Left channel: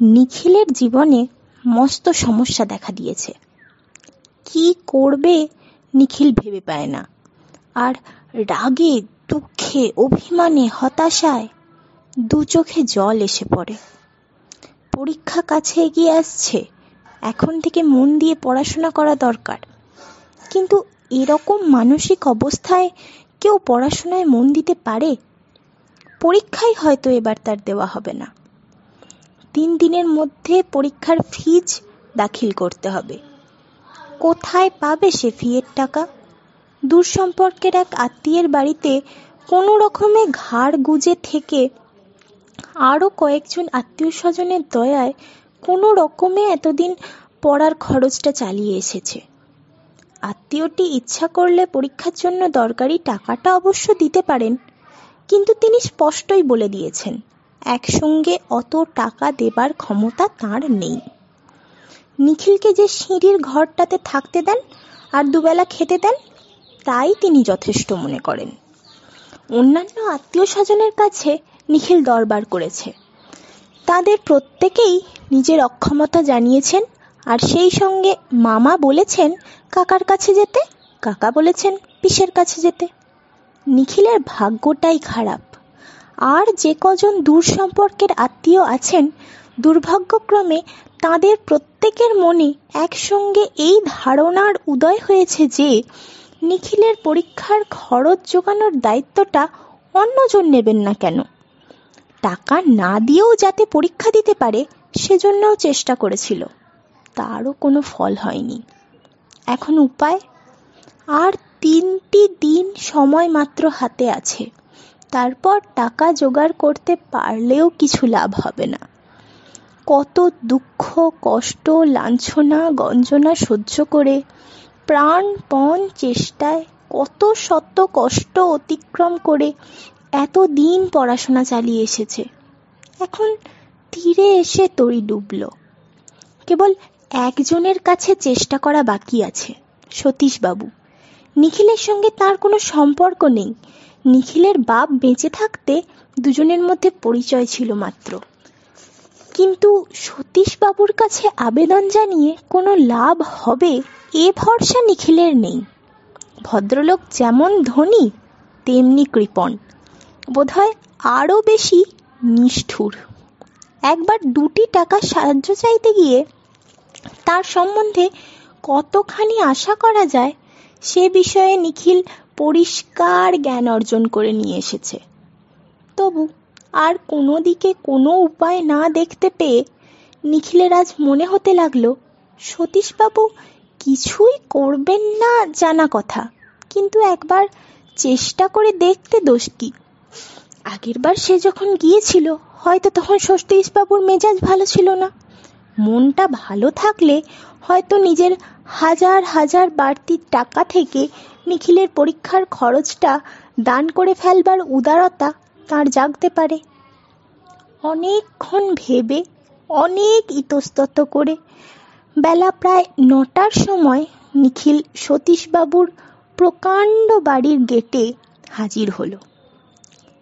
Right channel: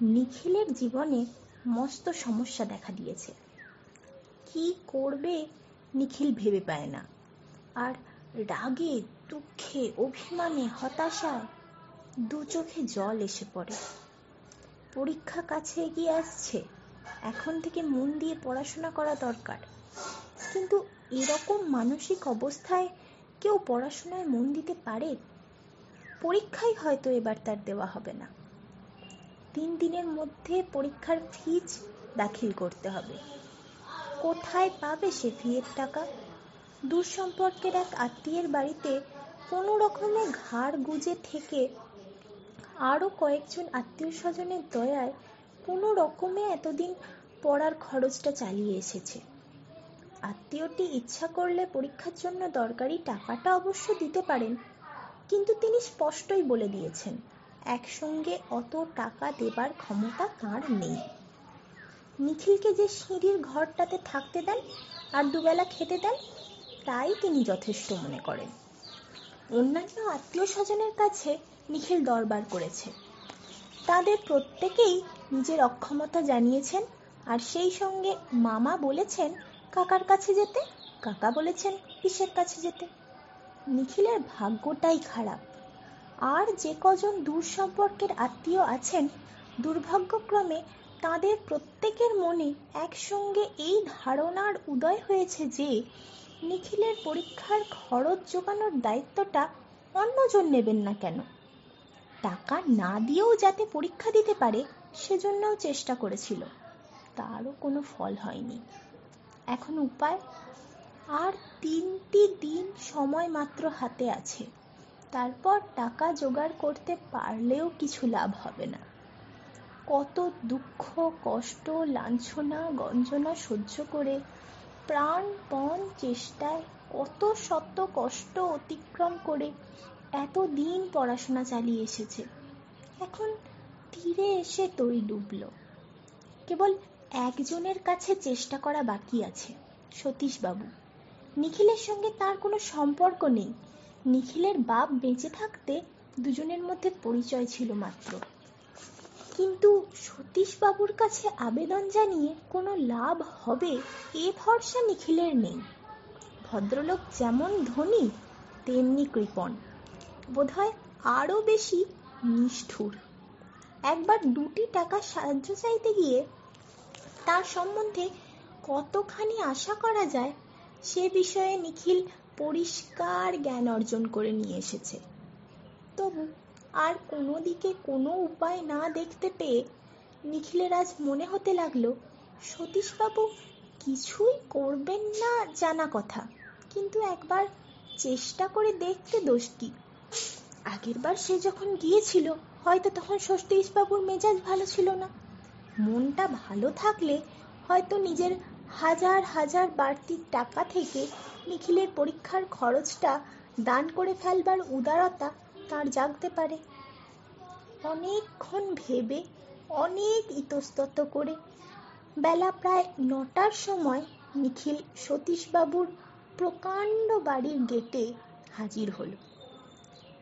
নিখিলের জীবনে মস্ত সমস্যা দেখা দিয়েছে। কি করবে নিখিল ভেবে পায় না। আর রাগে, দুঃখে, অভিমানে, হতাশায় দু চোখে জল এসে পড়ে। পরীক্ষা কাছে এগিয়ে আসছে, এখন থেকে মন দিয়ে পড়াশোনা করা দরকার। কিন্তু এরকম মানসিক অবস্থায় কেউ পড়াশোনায় মন দিতে পারে? পরীক্ষাই হয়তো এবার তার দেওয়া হবে না। 3 দিনের মধ্যে পরীক্ষার ফিজ দাখিল করতে হবে। কোথায় পাবে সে ফিয়ের টাকা? দূর সম্পর্কের এক আত্মীয়ের বাড়িতে কোনো রকমে ঘাড় গুজে থেকে আরও কয়েকজন আত্মীয় স্বজনের দয়ায় কোনো রকমে এতদিন পড়ার খরচটা চালিয়ে এসেছে। আত্মীয়টি ইচ্ছা করলে পরীক্ষার জন্য দরকারি টাকাটা অবশ্য দিতে পারেন, কিন্তু তিনি স্পষ্টই বলে দিয়েছেন একসঙ্গে অত টাকা দেবার ক্ষমতা তাঁর নেই। নিখিলকে যে সিঁড়ির ঘরটাতে থাকতে দেন আর দুবেলা খেতে দেন, তাই তিনি যথেষ্ট মনে করেন। অন্যান্য আত্মীয় স্বজনের কাছে নিখিল দরবার করেছে। তাদের প্রত্যেকেই নিজের অক্ষমতা জানিয়েছেন, আর সেই সঙ্গে মামা বলেছেন কাকার কাছে যেতে, কাকা বলেছেন পিসের কাছে যেতে। নিখিলের ভাগ্যটাই খারাপ। আর যে কজন দূর সম্পর্কের আত্মীয় আছেন, দুর্ভাগ্যক্রমে তাদের প্রত্যেকের মনে একসঙ্গে এই ধারণার উদয় হয়েছে যে নিখিলের পরীক্ষার খরচ জোগানোর দায়িত্বটা অন্যজন নেবেন না কেন। টাকা না দিয়েও যাতে পরীক্ষা দিতে পারে সেজন্যও চেষ্টা করেছিল, তারও কোনো ফল হয়নি। এখন উপায়? আর 3টি দিন সময় মাত্র হাতে আছে। তারপর টাকা জোগাড় করতে পারলেও কিছু লাভ হবে না। কত দুঃখ, কষ্ট, লাঞ্ছনা, গঞ্জনা সহ্য করে, প্রাণপণ চেষ্টায় কত শত কষ্ট অতিক্রম করে এতদিন পড়াশোনা চালিয়ে এসেছে। এখন তীরে এসে তরি ডুবল। কেবল একজনের কাছে চেষ্টা করা বাকি আছে, সতীশবাবু। নিখিলের সঙ্গে তার কোনো সম্পর্ক নেই। নিখিলের বাপ বেঁচে থাকতে দুজনের মধ্যে পরিচয় ছিল মাত্র। কিন্তু সতীশবাবুর কাছে আবেদন জানিয়ে কোনো লাভ হবে এ ভরসা নিখিলের নেই। ভদ্রলোক যেমন ধনী তেমনি কৃপণ, বোধহয় আরও বেশি নিষ্ঠুর। একবার 2টি টাকা সাহায্য চাইতে গিয়ে তার সম্বন্ধে কতখানি আশা করা যায় সে বিষয়ে নিখিল পরিষ্কার জ্ঞান অর্জন করে নিয়ে এসেছে। তবু আর কোনো দিকে কোনো উপায় না দেখতে পেয়ে নিখিলের আজ মনে হতে লাগলো সতীশবাবু কিছুই করবেন না জানা কথা, কিন্তু একবার চেষ্টা করে দেখতে দোষ কি? আগেরবার সে যখন গিয়েছিল হয়তো তখন সতীশবাবুর মেজাজ ভালো ছিল না। মনটা ভালো থাকলে হয়তো নিজের হাজার হাজার বাড়তি টাকা থেকে নিখিলের পরীক্ষার খরচটা দান করে ফেলবার উদারতা তার জাগতে পারে। অনেকক্ষণ ভেবে, অনেক ইতস্তত করে বেলা প্রায় 9টার সময় নিখিল সতীশবাবুর প্রকাণ্ড বাড়ির গেটে হাজির হলো।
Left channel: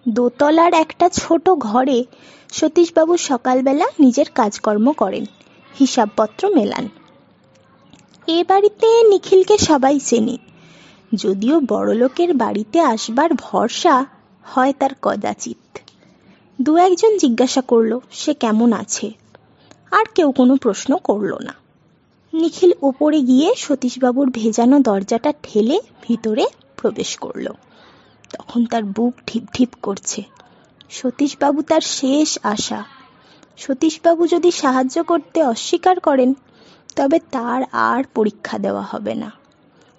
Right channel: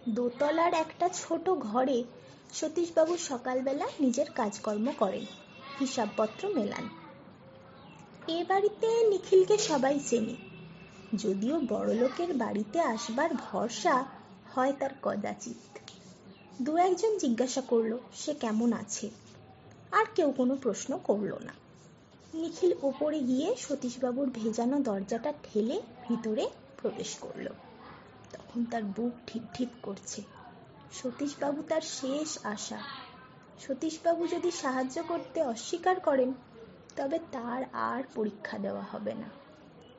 দোতলার একটা ছোট ঘরে সতীশবাবু সকালবেলা নিজের কাজকর্ম করেন, হিসাবপত্র মেলান। এ বাড়িতে নিখিলকে সবাই চেনে, যদিও বড়লোকের বাড়িতে আসবার ভরসা হয় তার কদাচিৎ। 2-1জন জিজ্ঞাসা করলো সে কেমন আছে, আর কেউ কোনো প্রশ্ন করল না। নিখিল উপরে গিয়ে সতীশবাবুর ভেজানো দরজাটা ঠেলে ভিতরে প্রবেশ করলো। তখন তার বুক ঢিপ ঢিপ করছে। সতীশবাবু তার শেষ আশা। সতীশবাবু যদি সাহায্য করতে অস্বীকার করেন তবে তার আর পরীক্ষা দেওয়া হবে না।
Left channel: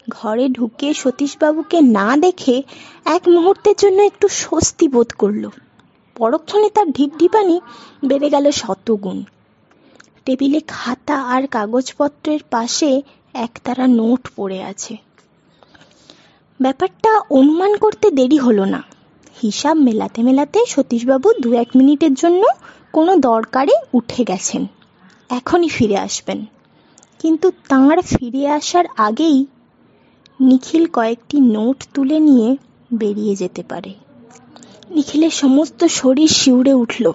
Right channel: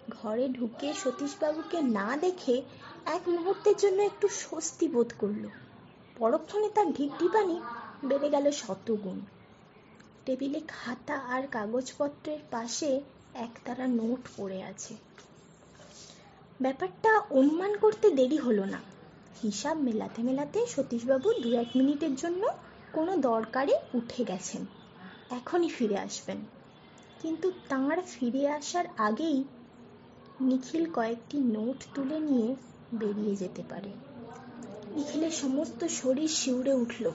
ঘরে ঢুকে সতীশবাবুকে না দেখে এক মুহূর্তের জন্য একটু স্বস্তি বোধ করল। পরক্ষণে তার ঢিপঢিপানি বেড়ে গেল 100 গুণ। টেবিলে খাতা আর কাগজপত্রের পাশে একতারা নোট পড়ে আছে। ব্যাপারটা অনুমান করতে দেরি হলো না। হিসাব মেলাতে মেলাতে সতীশবাবু 2-1 মিনিটের জন্য কোনো দরকারে উঠে গেছেন, এখনই ফিরে আসবেন। কিন্তু তাঁর ফিরে আসার আগেই নিখিল কয়েকটি নোট তুলে নিয়ে বেরিয়ে যেতে পারে। নিখিলের সমস্ত শরীর শিউরে উঠল,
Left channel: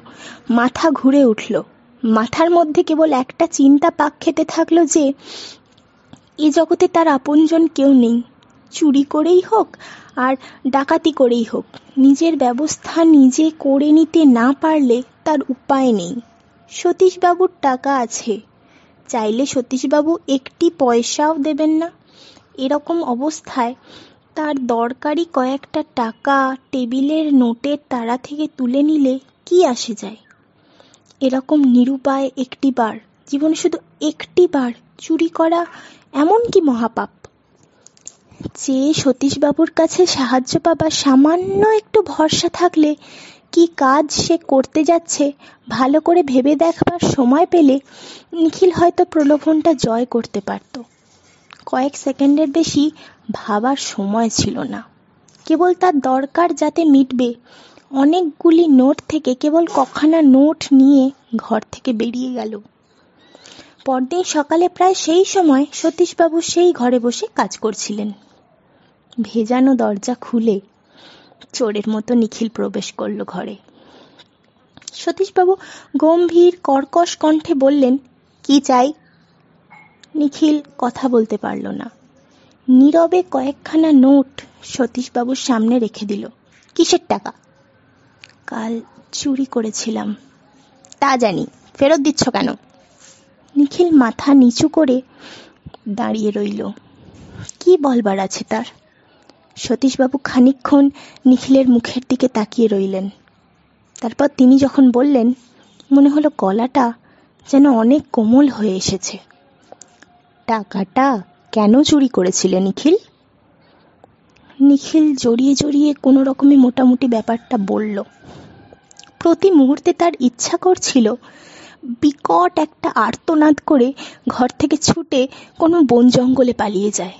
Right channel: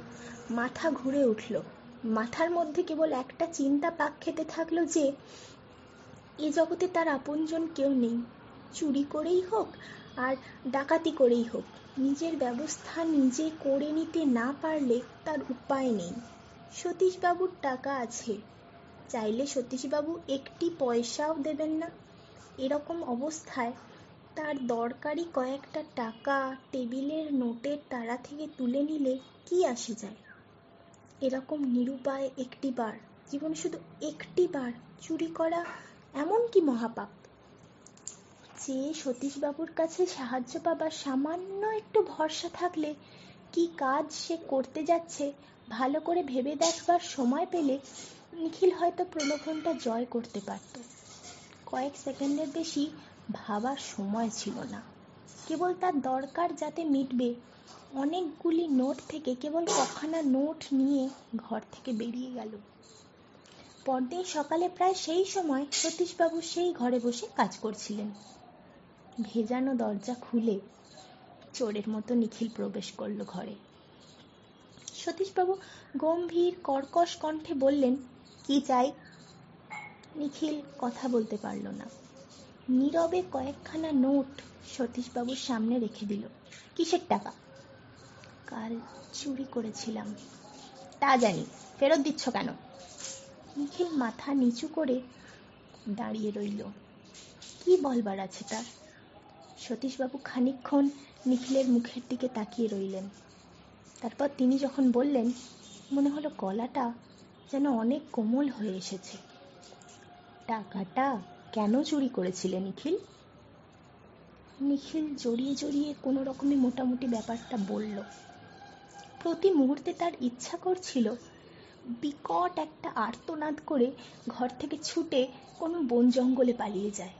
মাথা ঘুরে উঠল, মাথার মধ্যে কেবল একটা চিন্তা পাক খেতে থাকলো যে এ জগতে তার আপনজন কেউ নেই। চুরি করেই হোক আর ডাকাতি করেই হোক, নিজের ব্যবস্থা নিজে করে নিতে না পারলে তার উপায় নেই। সতীশবাবুর টাকা আছে, চাইলে সতীশবাবু একটি পয়সাও দেবেন না। এরকম অবস্থায় তার দরকারি কয়েকটা টাকা টেবিলের নোটের তাড়া থেকে তুলে নিলে কি আসে যায়? এরকম নিরুপায় একটিবার, জীবনে শুধু একটিবার চুরি করা এমন কি মহাপাপ যে সতীশবাবুর কাছে সাহায্য পাবার সামান্য একটু ভরসা থাকলে কি কাজ সে করতে যাচ্ছে ভালো করে ভেবে দেখবার সময় পেলে নিখিল হয়তো প্রলোভনটা জয় করতে পারত। কয়েক সেকেন্ডের বেশি ভাবার সময় ছিল না। কেবল তার দরকার যাতে মিটবে, অনেকগুলি নোট থেকে কেবল কখানা নোট নিয়ে ঘর থেকে বেরিয়ে গেল। পরদিন সকালে প্রায় সেই সময় সতীশবাবু সেই ঘরে বসে কাজ করছিলেন। ভেজানো দরজা খুলে চোরের মতো নিখিল প্রবেশ করল ঘরে। সতীশবাবু গম্ভীর কর্কশ কণ্ঠে বললেন, কি চাই? নিখিল কথা বলতে পারল না। নীরবে কয়েকখানা নোট সতীশবাবুর সামনে রেখে দিল। কিসের টাকা? কাল চুরি করেছিলাম। তা জানি, ফেরত দিচ্ছ কেন? নিখিল মাথা নিচু করে দাঁড়িয়ে রইল। কি বলবার আছে তার? সতীশবাবু খানিকক্ষণ নিখিলের মুখের দিকে তাকিয়ে রইলেন। তারপর তিনি যখন বললেন, মনে হলো গলাটা যেন অনেক কোমল হয়ে এসেছে। টাকাটা কেন চুরি করেছিলে নিখিল? নিখিল জড়িয়ে জড়িয়ে কোনো রকমে মোটামুটি ব্যাপারটা বলল। প্রতি মুহূর্তে তার ইচ্ছা করছিল বিকট একটা আর্তনাদ করে ঘর থেকে ছুটে কোনো বন জঙ্গলে পালিয়ে যায়।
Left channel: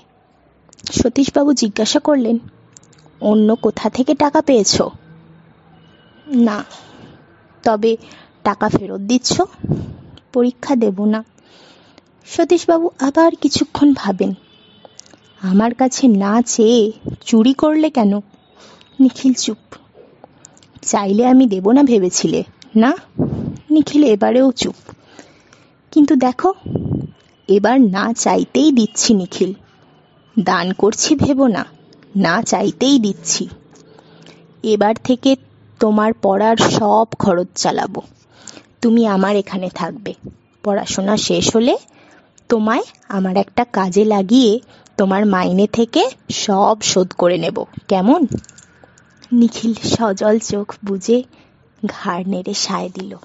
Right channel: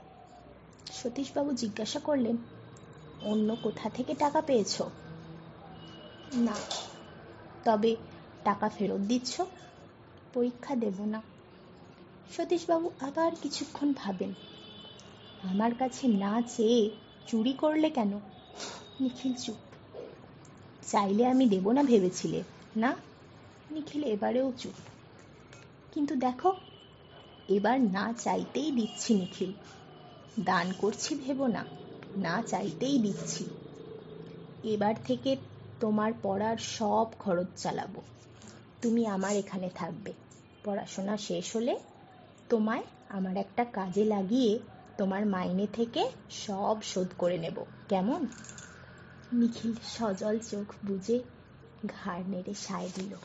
সতীশবাবু জিজ্ঞাসা করলেন, অন্য কোথা থেকে টাকা পেয়েছ? না। তবে টাকা ফেরত দিচ্ছ? পরীক্ষা দেব না। সতীশবাবু আবার কিছুক্ষণ ভাবেন। আমার কাছে না চেয়ে চুরি করলে কেন? নিখিল চুপ। চাইলে আমি দেব না ভেবেছিলে না? নিখিল এবারেও চুপ। কিন্তু দেখো, এবার না চাইতেই দিচ্ছি নিখিল। দান করছি ভেবো না, না চাইতেই দিচ্ছি। এবার থেকে তোমার পড়ার সব খরচ চালাবো। তুমি আমার এখানে থাকবে। পড়াশোনা শেষ হলে তোমায় আমার একটা কাজে লাগিয়ে তোমার মাইনে থেকে সব শোধ করে নেব, কেমন? নিখিল সজল চোখ বুজে ঘাড় নেড়ে সায় দিল।